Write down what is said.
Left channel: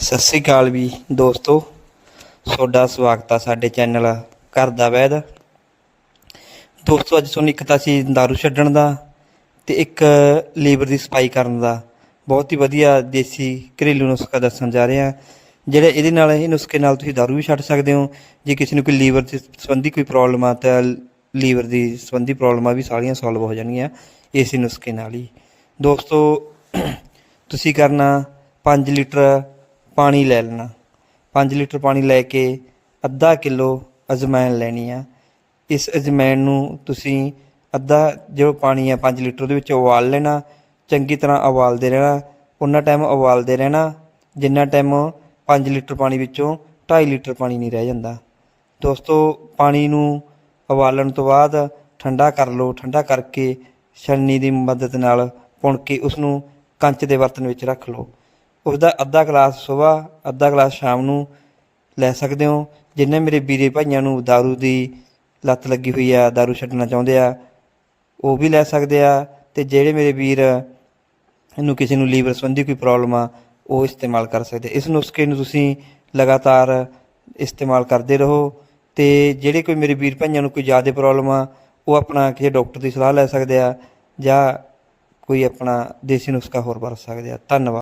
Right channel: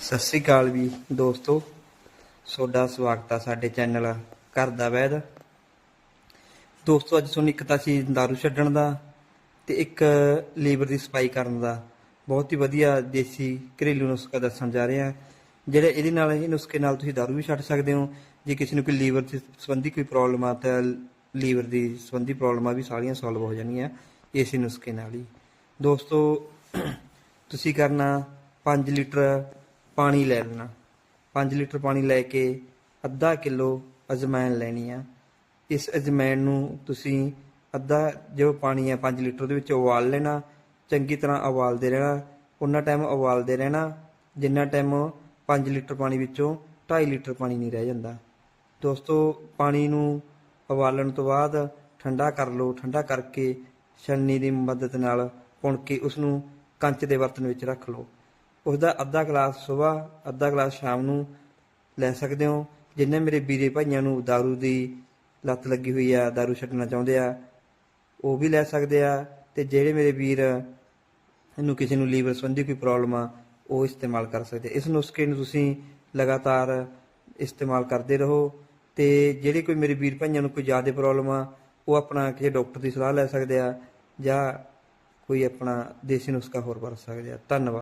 ਸਤਿ ਸ੍ਰੀ ਅਕਾਲ ਵੀ ਦੋਸਤੋ। ਤੁਹਾਡਾ ਸਵਾਗਤ ਆ ਸਾਡੇ ਚੈਨਲ ਘਰ ਦਾ ਵੈਦ। ਦੋਸਤੋ, ਅੱਜ ਤੁਹਾਨੂੰ ਇੱਕ ਤਾਂ ਸੀ ਦਾਰੂ ਛੱਡਣ ਦਾ ਤੇ ਇੱਕ ਲੀਵਰ ਦੀ ਸਫ਼ਾਈ ਕਰਨ ਦਾ ਬਹੁਤ ਹੀ ਵਧੀਆ ਦੇਸੀ ਘਰੇਲੂ ਨੁਸਖਾ ਦੱਸਣ ਜਾ ਰਹੇ ਆ ਜਿਹੜੇ ਇਹਦੇ ਨਾਲ, ਇਹ ਨੁਸਖੇ ਨਾਲ ਤੁਸੀਂ ਦਾਰੂ ਵੀ ਛੱਡ ਸਕਦੇ ਹੋ। ਜੇ ਕਿਸੇ ਨੂੰ ਕੋਈ ਲੀਵਰ ਦੇ ਸੰਬੰਧੀ ਕੋਈ ਪ੍ਰੋਬਲਮ ਆ ਤਾਂ ਲੀਵਰ ਦੀ ਸੰਬੰਧੀ ਪ੍ਰੋਬਲਮਾਂ ਵੀ ਸਾਰੀਆਂ ਸੋਲਵ ਹੋ ਜਾਣਗੀਆਂ ਇਸੇ ਨੁਸਖੇ ਨਾਲ ਹੀ। ਦੋਸਤੋ, ਤੁਸੀਂ ਕਰਨਾ 5 ਲੀਟਰ ਪਾਣੀ ਲੈ ਲੈਣਾ। 5 ਲੀਟਰ ਪਾਣੀ ਲੈ ਕੇ ਅੱਧਾ ਕਿਲੋ ਅਜਵਾਇਣ ਲੈਣੀ ਆ। ਇਸ ਅਜਮੈਨ ਨੂੰ ਤੁਸੀਂ ਅੱਧਾ ਜੋ ਪਾਣੀ ਆ 5 ਲੀਟਰ ਉਹਦੇ ਵਿੱਚ ਉਬਾਲ ਲੈਣਾ। ਚੰਗੀ ਤਰ੍ਹਾਂ ਉਬਾਲਦੇ ਰਹਿਣਾ। ਉਹਨਾਂ ਟਾਈਮ ਉਬਾਲਦੇ ਰਹਿਣਾ। ਜਿੰਨਾ ਟਾਈਮ 5 ਲੀਟਰ ਪਾਣੀ ਵਿੱਚੋਂ 2.5 ਲੀਟਰ ਪਾਣੀ ਨਹੀਂ ਰਹਿ ਜਾਂਦਾ। ਦੋਸਤੋ, ਪਾਣੀ ਨੂੰ ਉਬਾਲਣ ਤੋਂ ਬਾਅਦ ਠੰਡਾ ਕਰ ਲਓ। ਠੰਡਾ ਕਰਕੇ ਛਲਣੀ ਦੀ ਮਦਦ ਨਾਲ ਪੁਣ ਕੇ ਉਸ ਨੂੰ ਕੰਚ ਦੇ ਬਰਤਨ ਵਿੱਚ ਰੱਖ ਲਓ। ਉਸ ਦਾ ਅੱਧਾ ਗਲਾਸ ਸਵੇਰ ਅੱਧਾ ਗਲਾਸ ਸ਼ਾਮ ਨੂੰ ਲੈ ਸਕਦੇ ਹੋ ਜਿੰਨੇ ਮੇਰੇ ਵੀਰੇ ਭਾਈਆਂ ਨੂੰ दारू ਦੀ ਲੱਤ ਲੱਗੀ ਹੋਈ ਆ दारू ਛੱਡਣਾ ਚਾਹੁੰਦੇ ਆ ਉਹ ਵੀ ਲੈ ਸਕਦੇ ਆ ਤੇ ਜਿਹੜੇ ਮੇਰੇ ਵੀਰ ਇਹਨੂੰ ਕਿਸੇ ਨੂੰ ਲੀਵਰ ਸੰਬੰਧੀ ਕੋਈ ਪ੍ਰੋਬਲਮ ਆ ਉਹ ਇਸਤੇਮਾਲ ਕਰ ਸਕਦੇ ਇਸ ਨੁਸਖੇ ਨੂੰ ਤੁਸੀਂ ਲਗਾਤਾਰ ਇਸਤੇਮਾਲ ਕਰਦੇ ਰਹੋ ਤੇ ਜਿਹੜੇ ਕੋਈ ਮੇਰੇ ਵੀਰ ਭਾਈਆਂ ਨੂੰ ਕੋਈ ਜ਼ਿਆਦਾ ਪ੍ਰੋਬਲਮ ਆ ਉਹ ਆਪਣਾ ਕਿਸੇ ਡਾਕਟਰ ਦੀ ਸਲਾਹ ਲੈ ਸਕਦੇ ਆ ਜਾਂ ਕੋਈ ਆਪਣਾ ਦੇਸੀ ਨੁਸਖਾ ਹੋਰ ਵਰਤ ਸਕਦੇ ਆ ਧੰਨਵਾਦ